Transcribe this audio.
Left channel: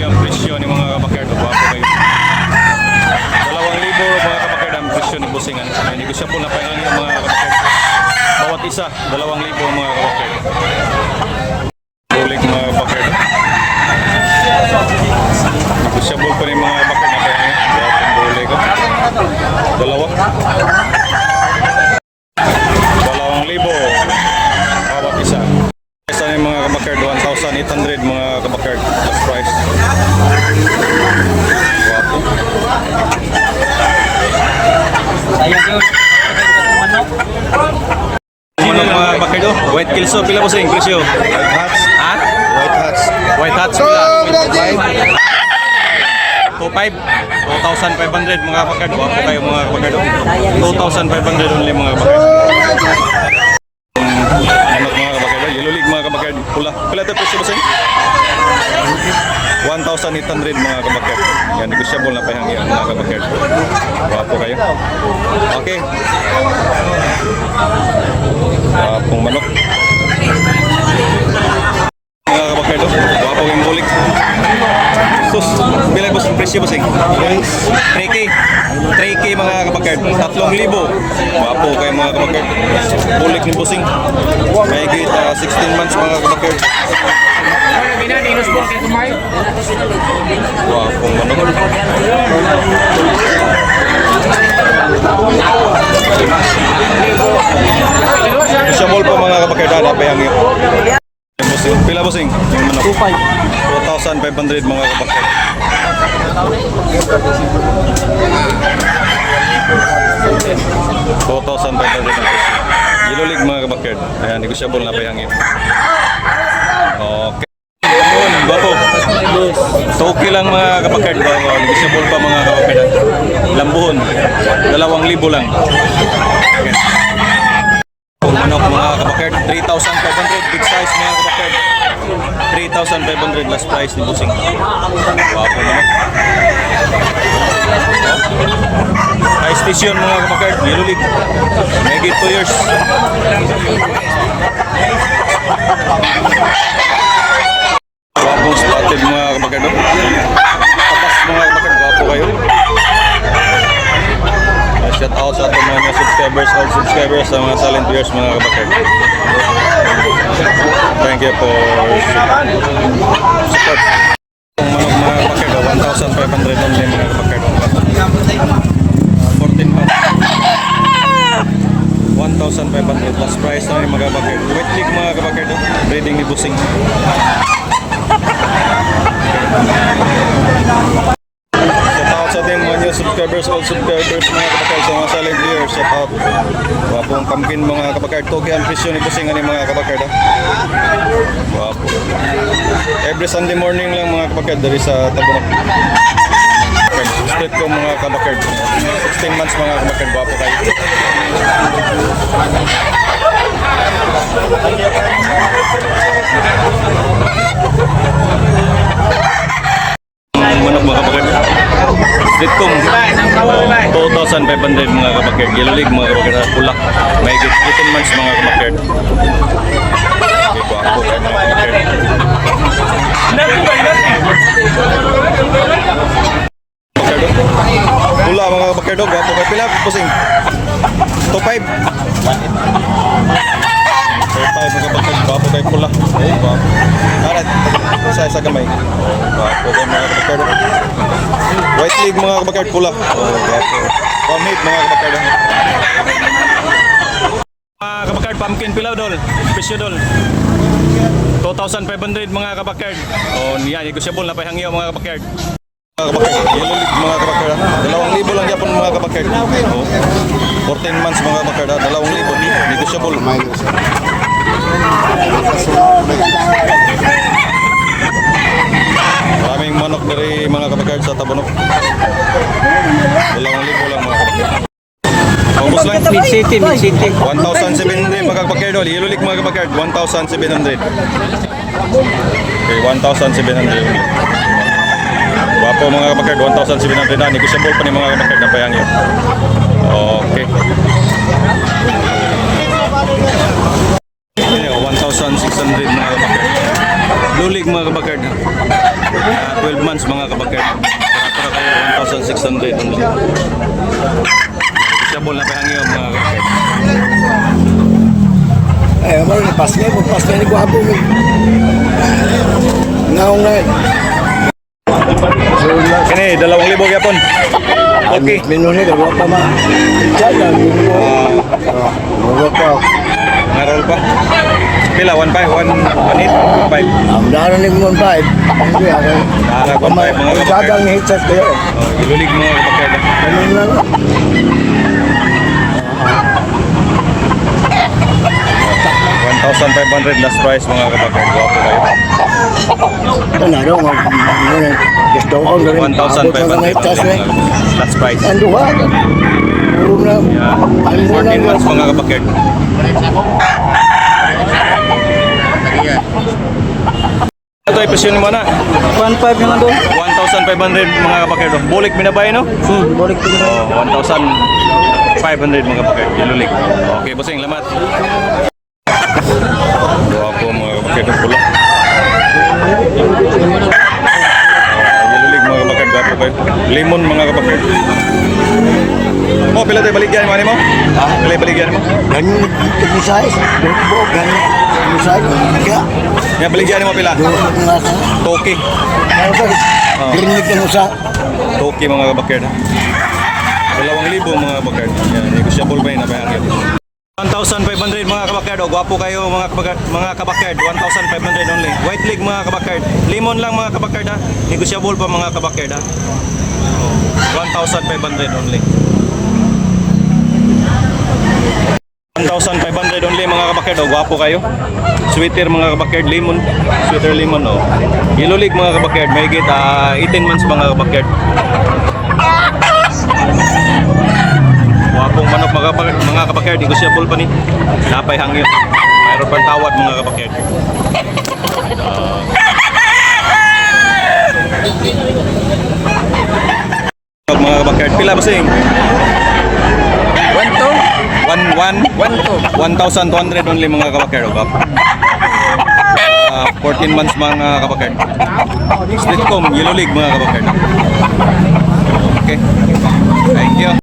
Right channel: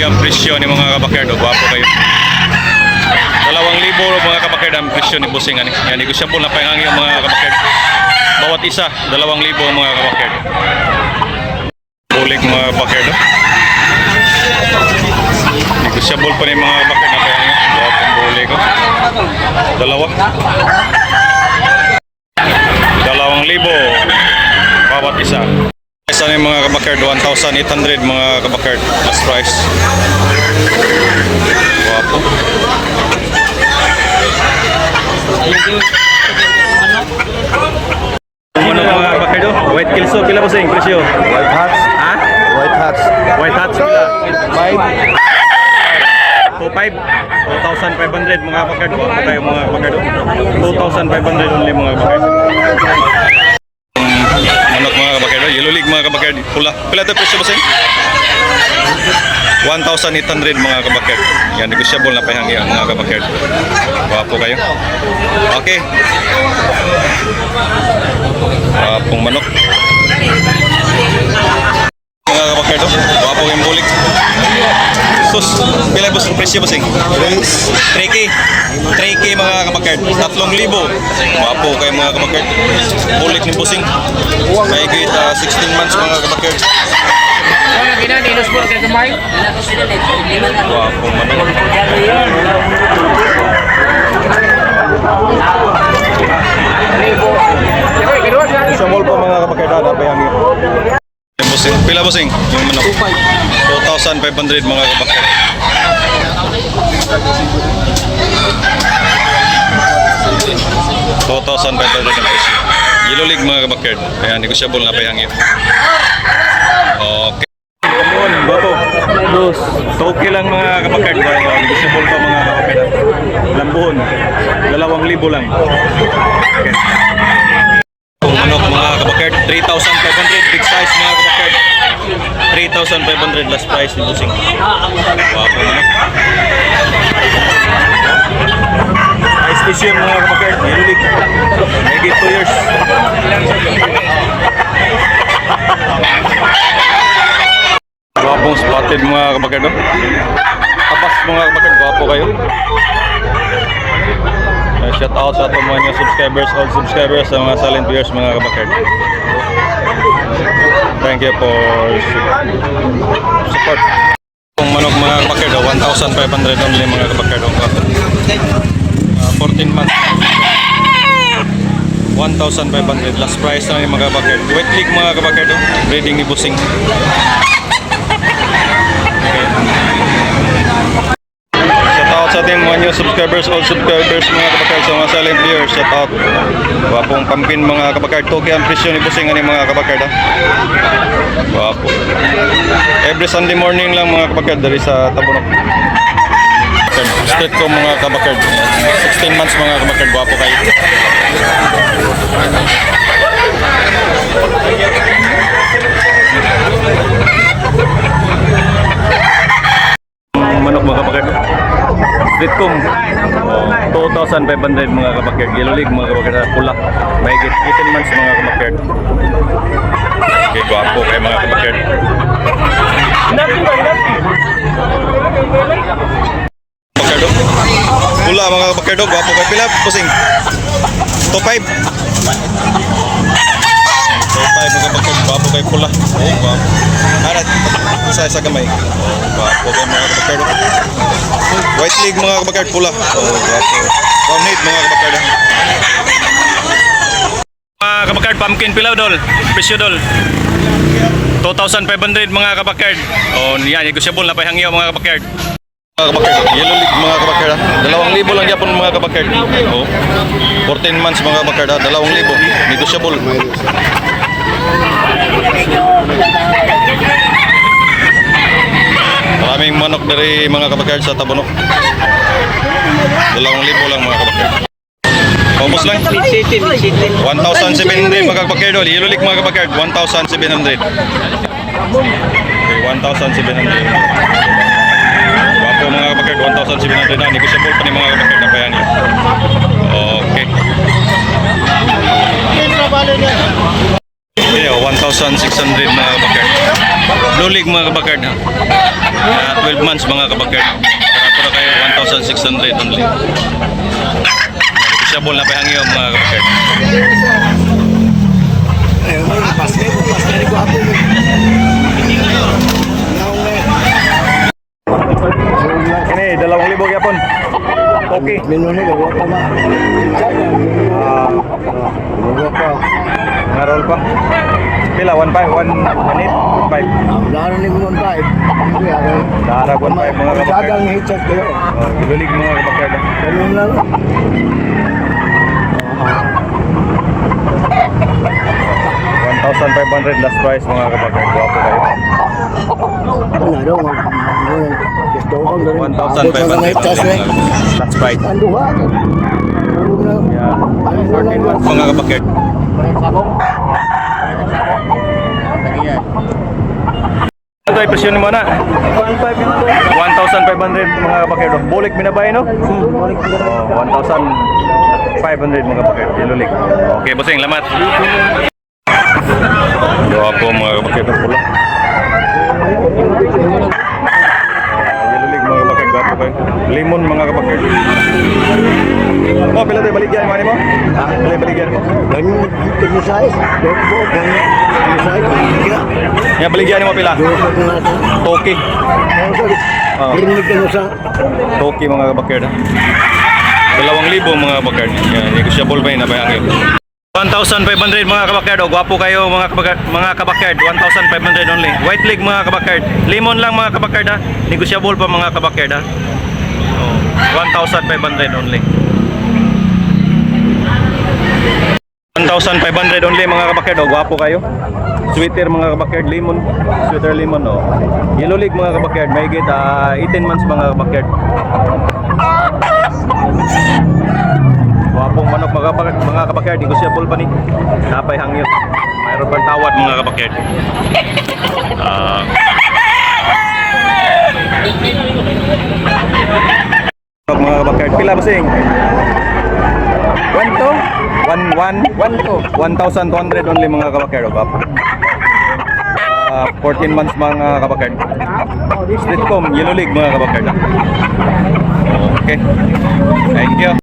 Ang presyo ni mga kabakard. O, gwapo kayo. Dalawang libo mga kabakard ang presyo ni Busing. Ani. Yan, negosyable na payangang yung mga kabakard. Bawat isa, dalawang libo mga kabakard. Bulik mga kabakard. oh. Negosyable pa ni mga kabakard na payangang. Gwapong bulik. Oh. Dalawa. Dalawang libo. Bawat isa. Isa na yung mga kabakard, 1,800 mga kabakard. Last price. Guwapo. Manok mga kabakard oh. White kills oh. Pila po sa presyo? White hats. Ha? White hats. White hats pila. Five. 2,500. 2,500 mga kabakard. Guwapo kayo mga kabakard oh. 2,500 only mga kabakard. Manok mga kabakard. Pula. Pila ito presyo ba sa 1,800 mga kabakard. Yan, negosyable na pahangi ang mga kabakard. Guwapo kayo. Okay. Guwapong manok. Mga kabakard, oh. Sus, pila ba ang presyo sing? Race. 3K. 3K mga kabakard. 3,000. Guwapo kayo mga kabakard. Bulik ni Busing. May gate 16 months mga kabakard. Guwapong manok. Isabol po mga kapakita, dapat yung yung busing. Pila busing? Yung manok. 2,500 mga kapakita. Two thousand five hundred ang presyo. Yellow League mga kabakard. Ayan, negosyable na payangin. Okay. Kamon, bapo. Toki lang mga kapakard. Bapo, negosyable pa mga kapakard. Lambuhon. Dalawang libo lang. Okay. Kung manok mga kabakard, 3,500 big size mga kabakard. 3,500 last price ni Busing. Wapo manok. High station mga kabakard, nilulig. Megit 2 years. Wapong spotted mga kabakard. oh. Tabas mga kabakard, gwapo kayo. Shout out sa ating mga subscribers, old subscribers, sa mga silent viewers, mga kabakard. Thank you for su- support. Kung manok mga kabakard, oh, 1,500 only mga kabakard. oh. Uh, 14 months. 1,500 last price na ni mga kabakard. Wet league mga kabakard, oh. breeding ni Busing. Sa ating mga new subscribers, old subscribers, mga kabakard, sa mga silent viewers. Shout out. Wapong pumpkin mga kabakard. Toki ang presyo ni Busing ani mga kabakard. Ha? Wapo. Every Sunday morning lang mga kabakard dari sa Tabunok. Street ko mga kabakard. 16 months mga kabakard. Wapo kayo. manok mga kabakard. Oh, 2,500 mga kabakard. Yellow League mga kabakard. Kulak. May 18 months mga kabakard. Okay, gwapo kayo mga kabakard. Kabakard. oh. Pula mga kabakard. oh. Gwapo kayo. Pila, pusing. 2,500. 2,500 mga kabakard. Gwapo kayo pula. Oh, gwapo. Arat, sa isa gamay. Oh, gwapo kayo mga kabakard. oh. White League mga kabakard pula. Oh, gwapo. One hit mga kabakard. Mga kabakard, pumpkin pilaw dol. Presyo dol. 2,500 mga kabakard. Oh, yan, negosyable na pahangyo mga kabakard. Mga kabakard, yellow league mga kabakard. ha. Dalawang libo lang yapon mga kabakard. Oh, 14 months mga kabakard. ha. Dalawang libo. Negosyable. Maraming manok dari mga kabakard sa Tabunok. Dalawang libo lang mga kabakard. Paubos lang. Mid City, Mid City. 1,700 mga kabakard. league mga kabakard. 1,700. Okay, 1,700. Wapo mga kabakard. 1,700 na. Negosyable pa ni mga kabakard na payang yun. Okay. Okay, oh, 1,600 mga kabakard. Blue league mga kabakard ha. Ah, 12 months mga kabakard. Barato na kayo 1,600 only. Negotiable na pahangyo mga kabakard. Ay, ano yung pasya mo? Pasya ni Guapo mo. Ngaw nga. Kini, dalawang libo yapon. Okay. Minuni, gagawa pa ma. Diyan lang. Ah, Gagawa pa. ngarol pa. Pila 1.5, 1.8, 1.5. Dara ni Mon Five. Hindi ako. Darag 1.5 mga kabakard. Sagang headset kayo. Oh, ilulig mga kabakard. Ganun lang. 1,500 last price mga kabakard. Guwapo kayo. Ano na, ano, ano, gusto ko na rin. 1,500 Abot na lang headset, eh. last price. Ano mo na 14 months mga kabakard. Ito ay presyon mo na. 1.5 yung doon. 1,500 mga kapakir. Bulik binabay no? Hmm, balik ko na. Oh, 1,500 mga kapakir. Ilulik. Okay, bossing, lamat. Doa po mga kapakir ng pula. Ilulig mga kayo. Limon mga kapakir. Oh, pila tayo baligyan mo mo? Pila baligyan mo? Ganyan, yung size. Ganyan. Yung size. Kaya, Ya baligyan mo pila. Toki. Sa... Toki mga kabakir. Dalawang libo mga kabakir. Yan, negotiable pa yun. Nabayang yun. 1,500 mga kabakard. O, gwapo kayo mga kabakard. Mga kabakard. 1,500 only. White leg mga kabakard. Lemon lang mga kabakard ha. Negotiable pa mga kabakard ha. Oh, 1,500 only. 1,500 only mga kabakyard, oh, gwapo kayo. Sweater mga kabakyard, lemon, sweater lemon, oh. Yellow league mga kabakyard, may git, uh, 18 months mga kabakyard. Gwapong manok mga kabakyard, mga kabakyard, negosyable pa ni. Napay hangyo. Mayroon pang tawad mga kabakyard. Uh, mga kabakyard, pila ba sing? 1, 2, One, one? One, two. 1,200 only mga kabakero, Gap. Uh, 14 ah, months mga kabakero. Streetcom, Yellow League mga kabakero. Okay. Thank you.